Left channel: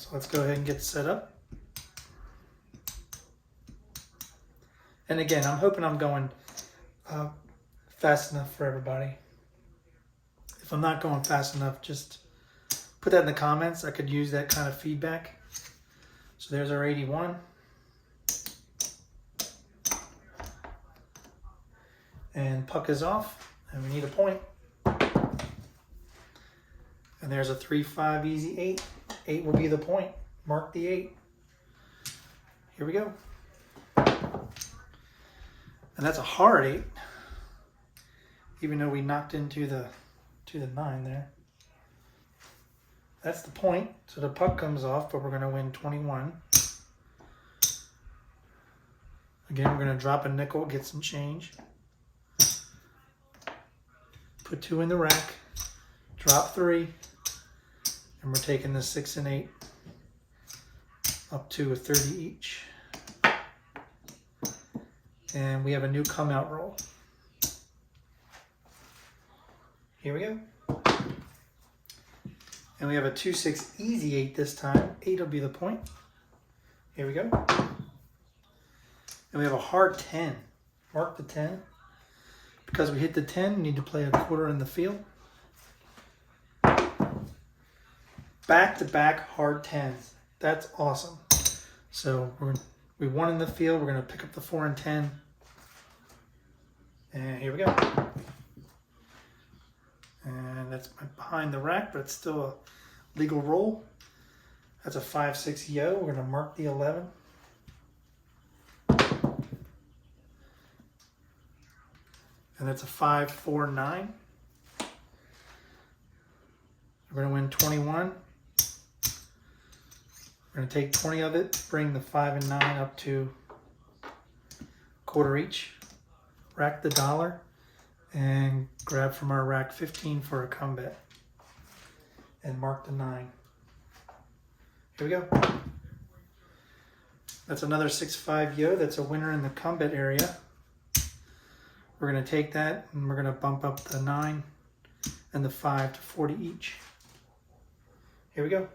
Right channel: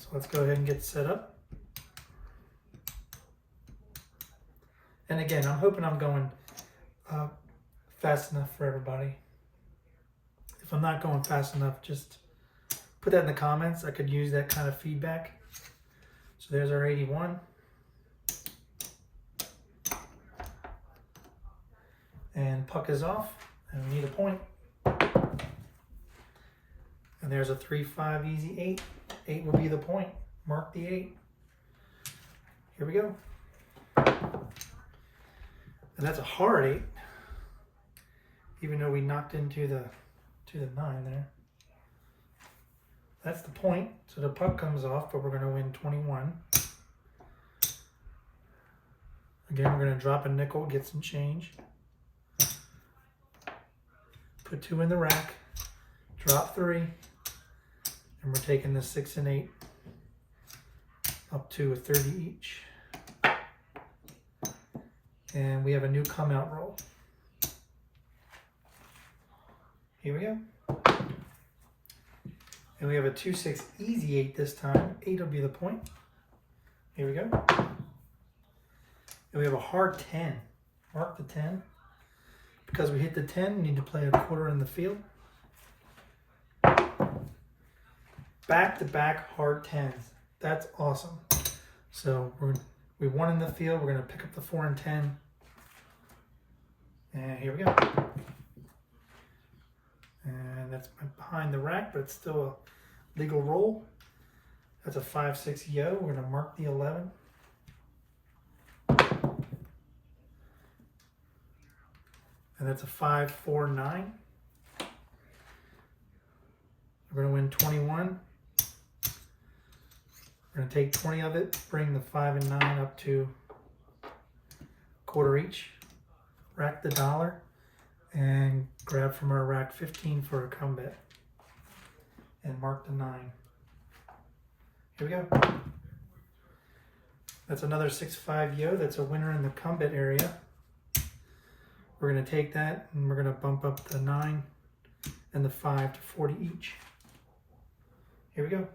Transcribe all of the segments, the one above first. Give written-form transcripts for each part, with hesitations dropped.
So let's go ahead and get set up. And again, I'm hoping I'm going fast enough for everybody. If I'm not going fast enough, just put that in the comments. I could use that kind of feedback. So there's our 81. And puck is off, and we need a point. And there's a 3-5 easy 8. 8 will be the point. Mark the 8. Here we go. And that's a hard 8, even though we knocked into the 9 there. That's the point. So the puck comes off, but we're going to win 21. Again, we're going to drop a nickel, get some change. Put 2 in the rack, drop 3, and we're taking the 6 and 8 up to a 30 each. And we have a new come out roll. Here we go. And we have a 2-6 easy 8 this time. 8 will be the point. Here we go. And we have a hard 10. Mark the 10. Because we hit the 10, we need to play a quarter in the field. Back-to-back hard 10s. That's awesome. So we won in the field. We're going to pick up the 4 and 10. And here we go. And that's behind the rack, but it's still a legal roll. That's a 5-6 yo. We're going to mark the 11. And that's a 5-4-9. We're going to win 21. We're going to take 20 of it, bring the 5 and 9 up to quarter each. Rack the dollar and grab from our rack 15 for a come bet. And mark the 9. Here we go. That's another 6-5 yo. That's a winner in the come bet area. We're going to take that and we're going to bump up the 9 and the 5 to 40 each. Here we go.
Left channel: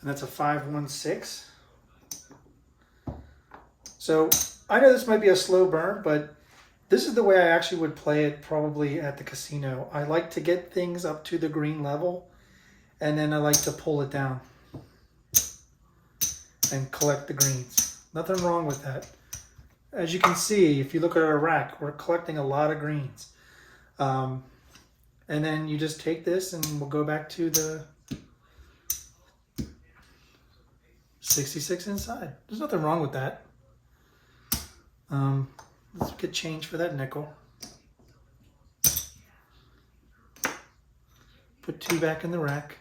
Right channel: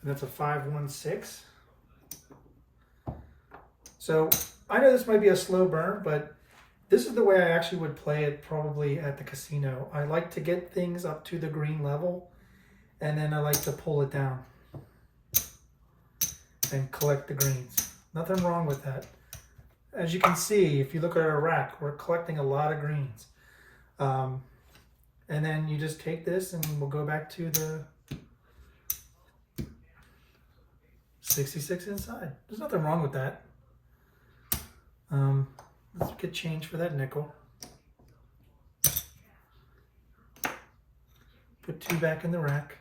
And that's a 5-1-6. So I know this might be a slow burn, but this is the way I actually would play it probably at the casino. I like to get things up to the green level, and then I like to pull it down and collect the greens. Nothing wrong with that. As you can see, if you look at our rack, we're collecting a lot of greens. And then you just take this and we'll go back to the 66 inside. There's nothing wrong with that. Let's get change for that nickel. Put 2 back in the rack.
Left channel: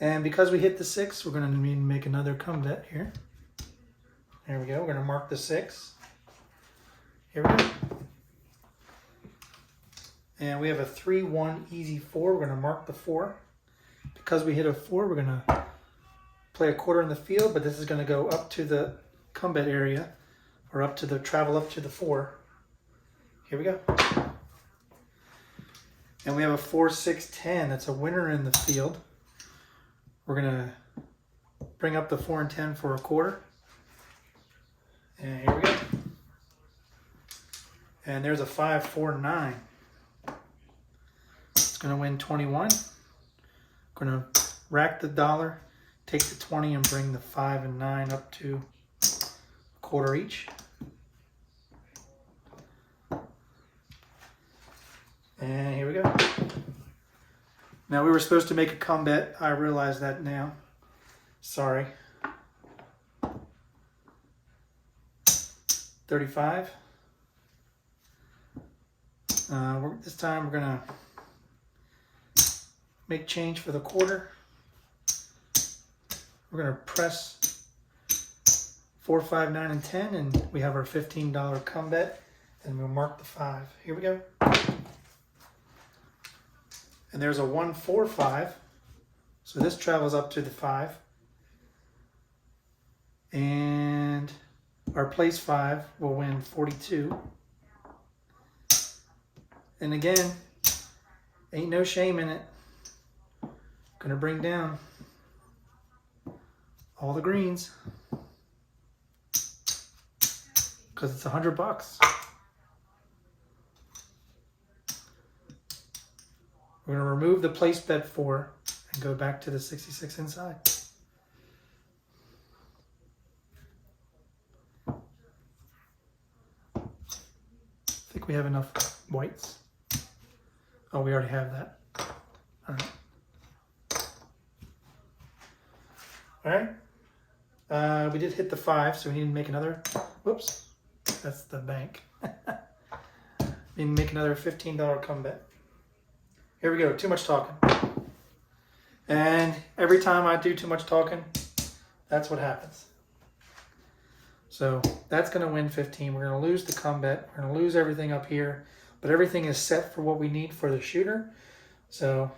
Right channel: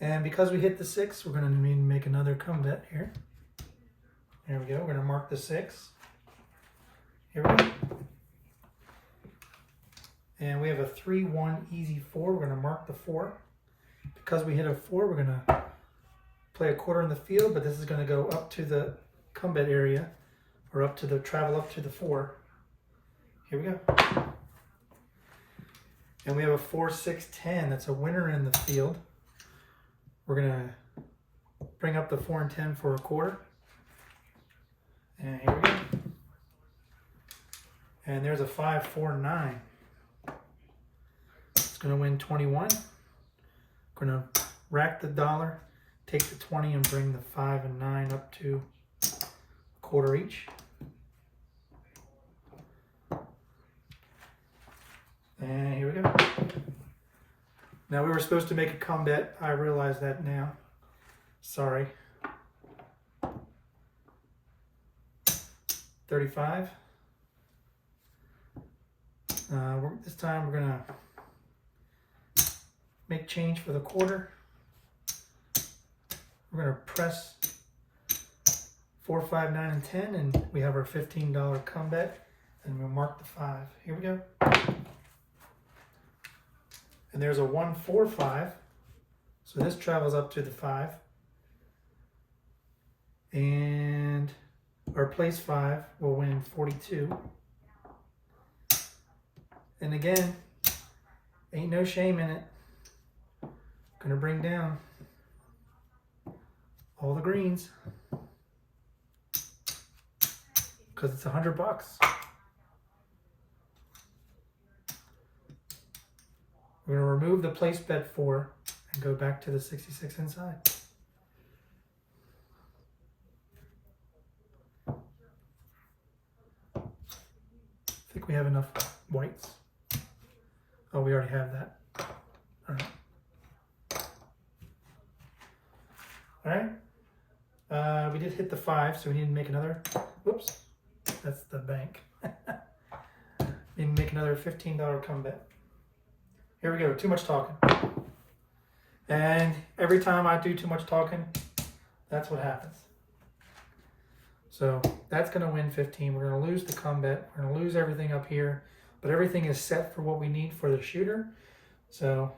And because we hit the 6, we're going to need to make another come bet here. There we go. We're going to mark the 6. Here we go. And we have a 3-1 easy 4. We're going to mark the 4. Because we hit a 4, we're going to play a quarter in the field, but this is going to go up to the come bet area, or up to the travel up to the 4. Here we go. And we have a 4-6-10. That's a winner in the field. We're going to bring up the 4 and 10 for a quarter. And here we go. And there's a 5-4-9. It's going to win 21. Going to rack the dollar, take the 20 and bring the 5 and 9 up to a quarter each. And here we go. Now we were supposed to make a come bet. I realize that now. Sorry. 35. This time we're gonna make change for the quarter. We're gonna press 4, 5, 9, and 10, and we have our $15 come bet, and we'll mark the 5. Here we go. And there's a 1-4-5. So this travels up to the 5. And our place 5 will win 42. And again, Ain't no shame in it. Gonna bring down all the greens because it's $100. We're gonna remove the place bet 4 and go back to the 66 inside. I think we have enough whites. Oh, we already have that. All right. All right. We did hit the 5, so we need to make another. Whoops, that's the bank. We need to make another $15 comeback. Here we go. Too much talking. And every time I do too much talking, that's what happens. So that's going to win 15. We're going to lose the comeback. We're going to lose everything up here. But everything is set for what we need for the shooter. So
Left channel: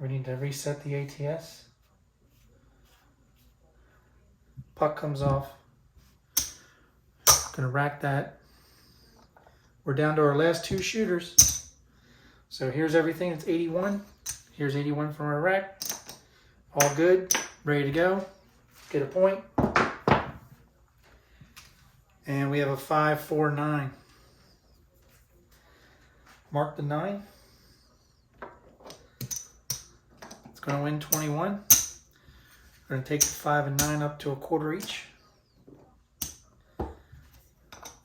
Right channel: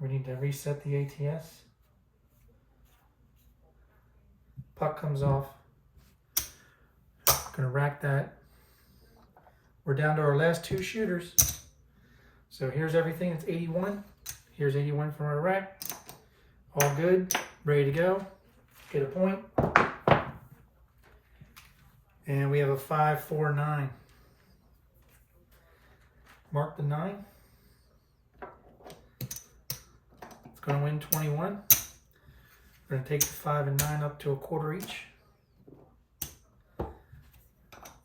we need to reset the ATS. Puck comes off. Going to rack that. We're down to our last 2 shooters. So here's everything. It's 81. Here's 81 from our rack. All good. Ready to go. Get a point. And we have a 5, 4, 9. Mark the 9. It's going to win 21. We're going to take the 5 and 9 up to a quarter each.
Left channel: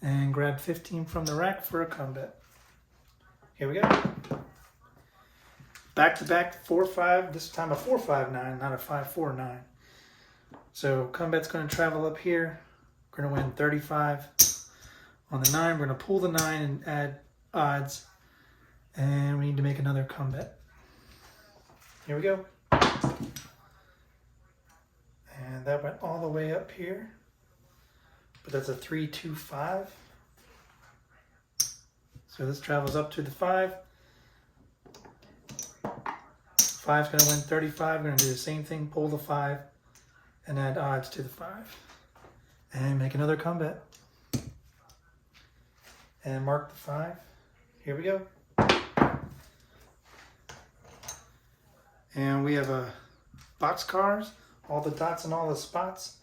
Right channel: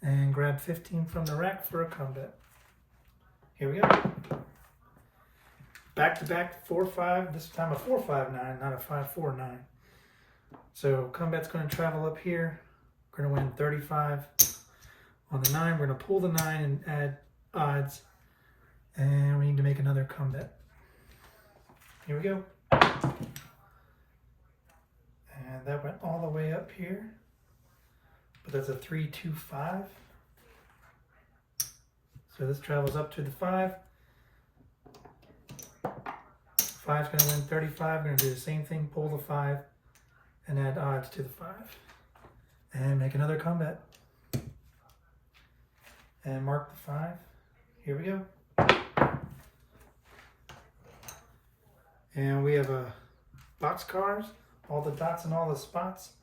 And grab 15 from the rack for a comeback. Here we go. Back to back 4, 5. This time a 4, 5, 9, not a 5, 4, 9. So comeback's going to travel up here. We're going to win 35 on the 9. We're going to pull the 9 and add odds. And we need to make another comeback. Here we go. And that went all the way up here. But that's a 3, 2, 5. So this travels up to the 5. 5's going to win 35. We're going to do the same thing. Pull the 5 and add odds to the 5. And make another comeback. And mark the 5. Here we go. And we have a boxcars, all the dots and all the spots.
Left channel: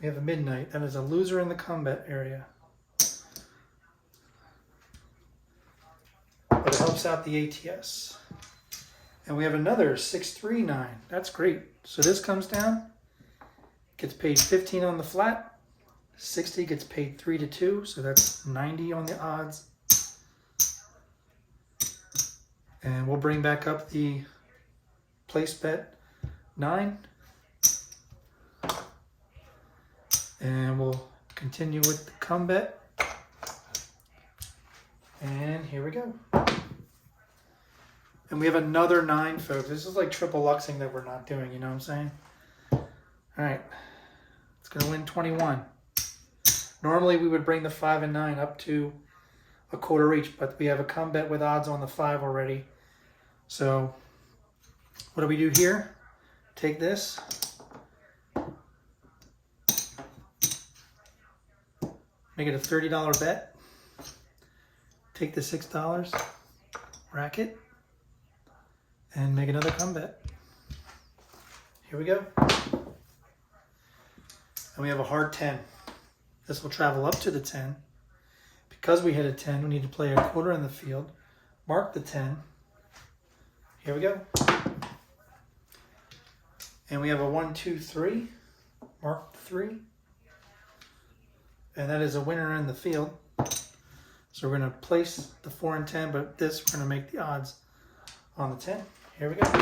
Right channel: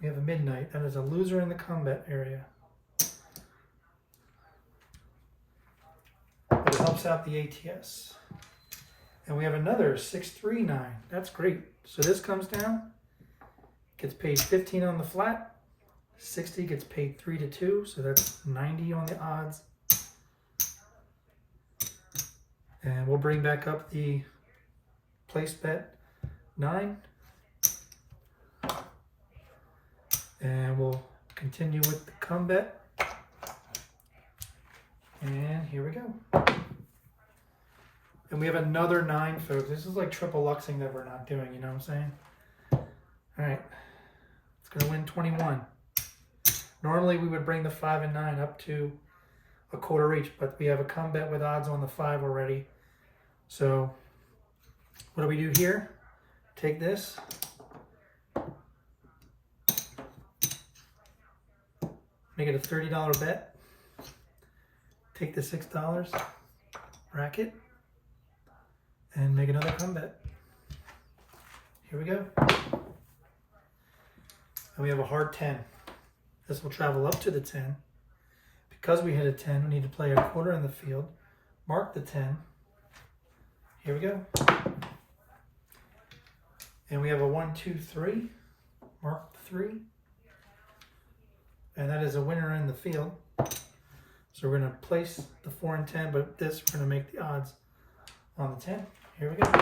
We have a midnight. That is a loser in the combat area. But it helps out the ATS. And we have another 6, 3, 9. That's great. So this comes down, gets paid 15 on the flat. 60 gets paid 3 to 2, so that's 90 on the odds. And we'll bring back up the place bet 9. And we'll continue with the comeback. And here we go. And we have another 9, folks. This is like triple luxing that we're not doing, you know what I'm saying? All right. It's going to win 21. Normally we would bring the 5 and 9 up to a quarter each, but we have a comeback with odds on the 5 already. So what do we do here? Take this. Make it a $30 bet. Take the $6, rack it, and make another comeback. Here we go. And we have a hard 10. This will travel up to the 10. Because we hit a 10, we need to play a quarter in the field. Mark the 10. Here we go. And we have a 1, 2, 3. Mark the 3. And that is a winner in the field. So we're going to place the 4 and 10, but this we're going to make the odds on the 10. Here we go.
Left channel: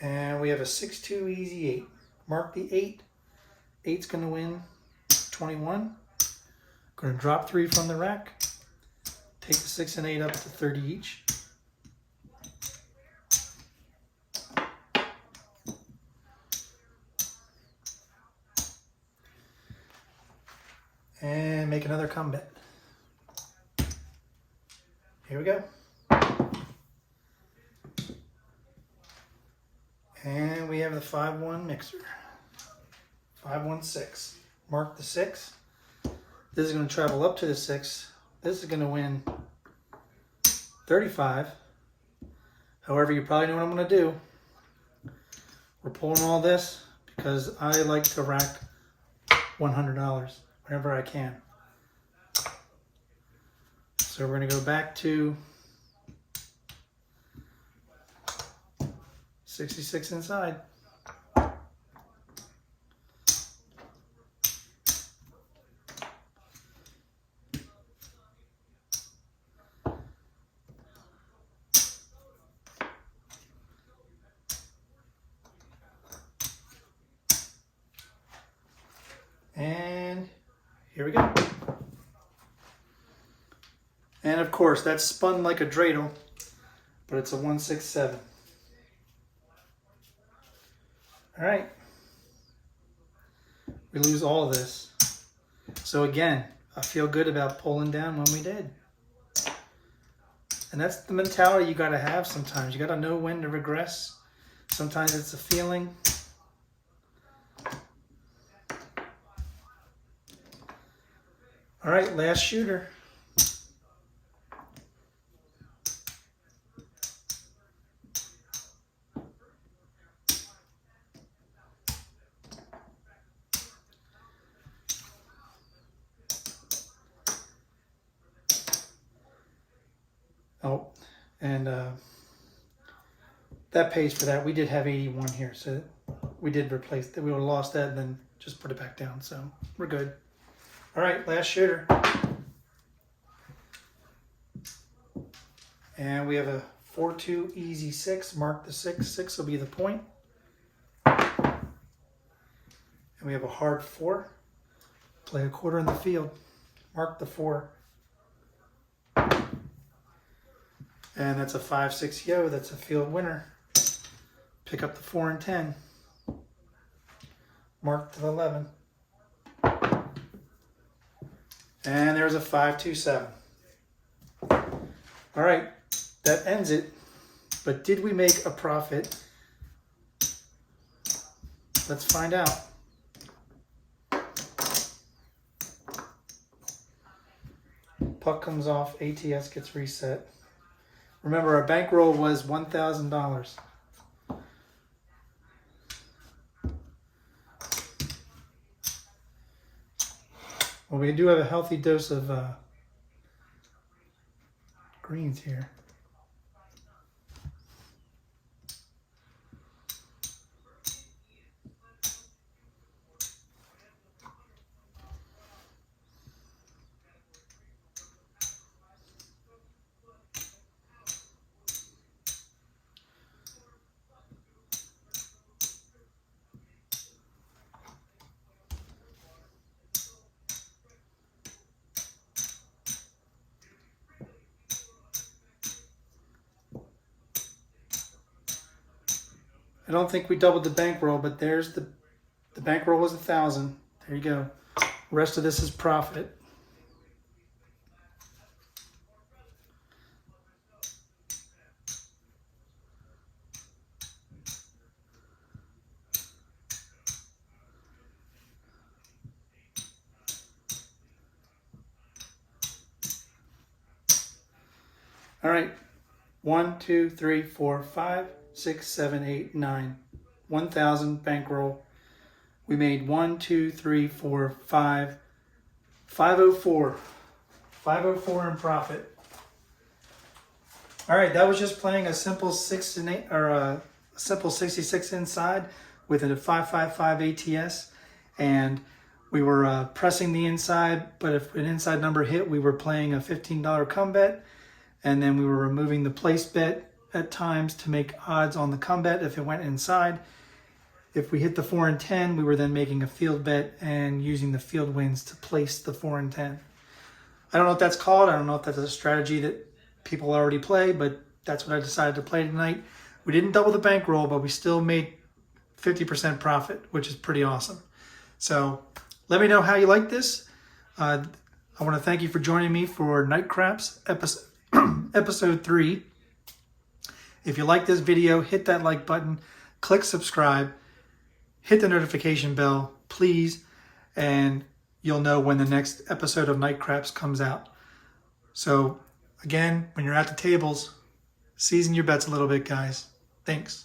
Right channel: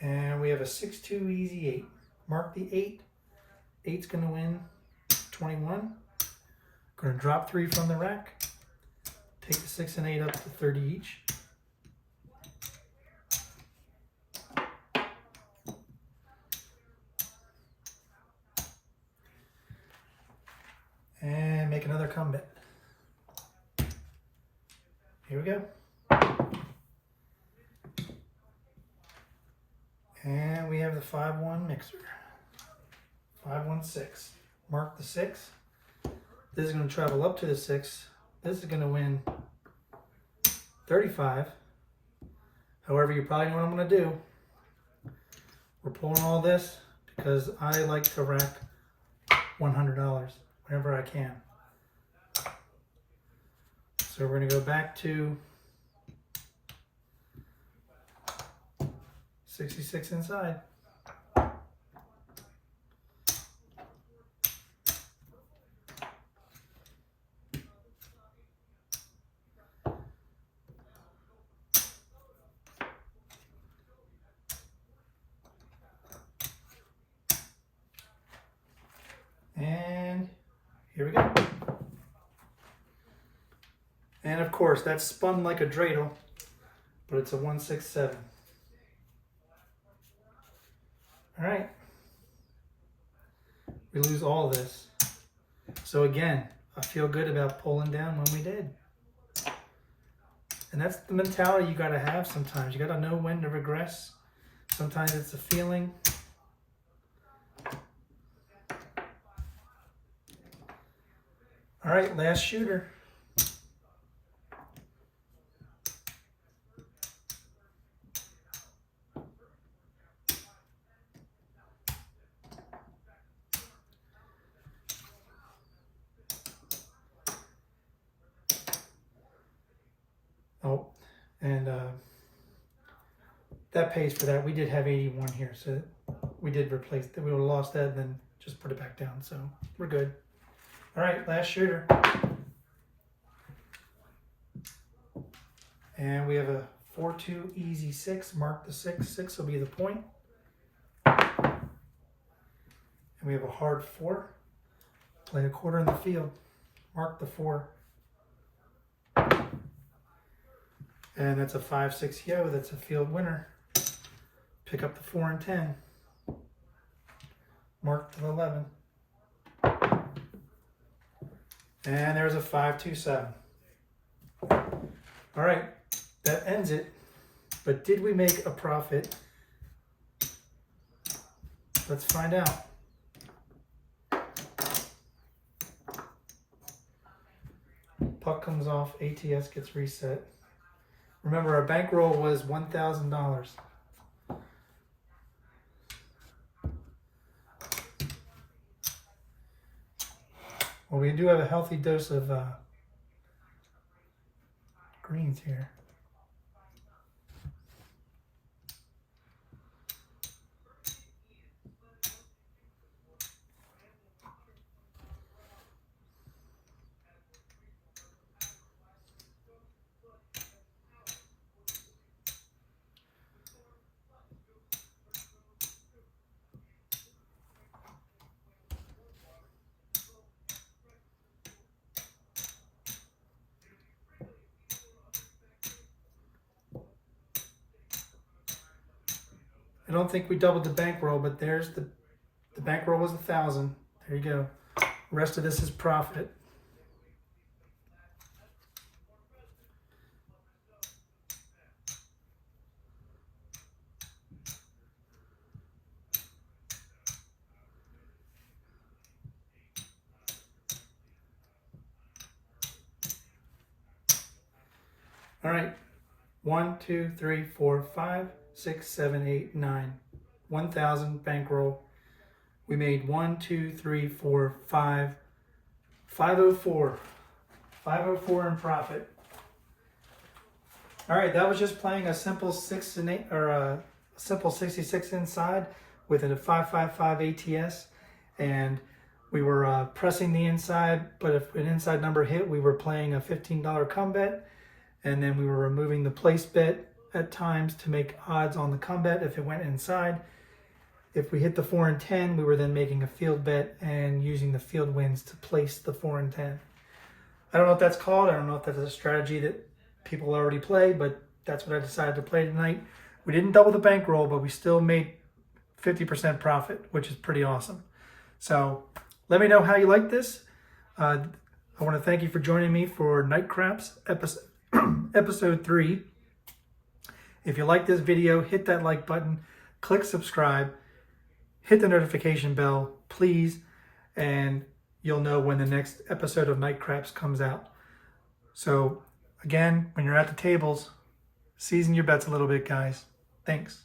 And we have a 6, 2, easy 8. Mark the 8. 8's going to win 21. Going to drop 3 from the rack. Take the 6 and 8 up to 30 each. And make another comeback. Here we go. And we have the 5-1 mixer. 5, 1, 6. Mark the 6. This is going to travel up to the 6. This is going to win 35. However, you probably know what I'm going to do. We're pulling all this because I like to rack $100 whenever I can. So we're going to go back to 66 inside. And here we go. And of course, that's spun like a dreidel, but it's a 167. All right. We lose all of this. So again, I feel good about pulling down when we did. And that's the mentality you got to have sometimes. You got to know when to regress. Sometimes it's a feeling. All right, last shooter. Oh, and that pays for that. We did have 81 here, so we did replace that. We would have lost that, then just put it back down. So we're good. All right, last shooter. And we have a 4-2 easy 6. Mark the 6. 6 will be the point. And we have a hard 4. Play a quarter in the field. Mark the 4. And that's a 5-6 yo. That's a field winner. Pick up the 4 and 10. Mark to the 11. And there's a 5-2-7. All right, that ends it. But did we make a profit? Let's find out. Puck comes off, ATS gets reset. Remember, our bankroll was $1,000. Well, we do have a healthy dose of greens here. I don't think we doubled the bankroll, but there's the bankroll was 1,000. There you go. The rest of this is profit. All right. 1, 2, 3, 4, 5, 6, 7, 8, 9. 1,000 bankroll. We made 1, 2, 3, 4, 5. 504. 504 in profit. All right, that was just playing a simple 6 and 8 or a simple 66 inside with a 555 ATS, and we were pressing the inside. But if an inside number hit, we were playing a $15 come bet. And then we were removing the place bet at times to make odds on the come bet if it went inside. If we hit the 4 and 10, we were then making a field bet and using the field wins to place the 4 and 10. I don't know what that's called. I don't know if that's a strategy that people already play, but that's what I decided to play tonight. We didn't double the bankroll, but we still made 50% profit, which is pretty awesome. So let me know how you like this. I want to thank you for joining me for Night Craps episode 3. If you like this video, hit that like button, click subscribe, hit the notification bell, please, and you'll know when the next episode of Night Craps comes out. So Again, when you're at the tables, season your bets a little bit, guys. Thanks.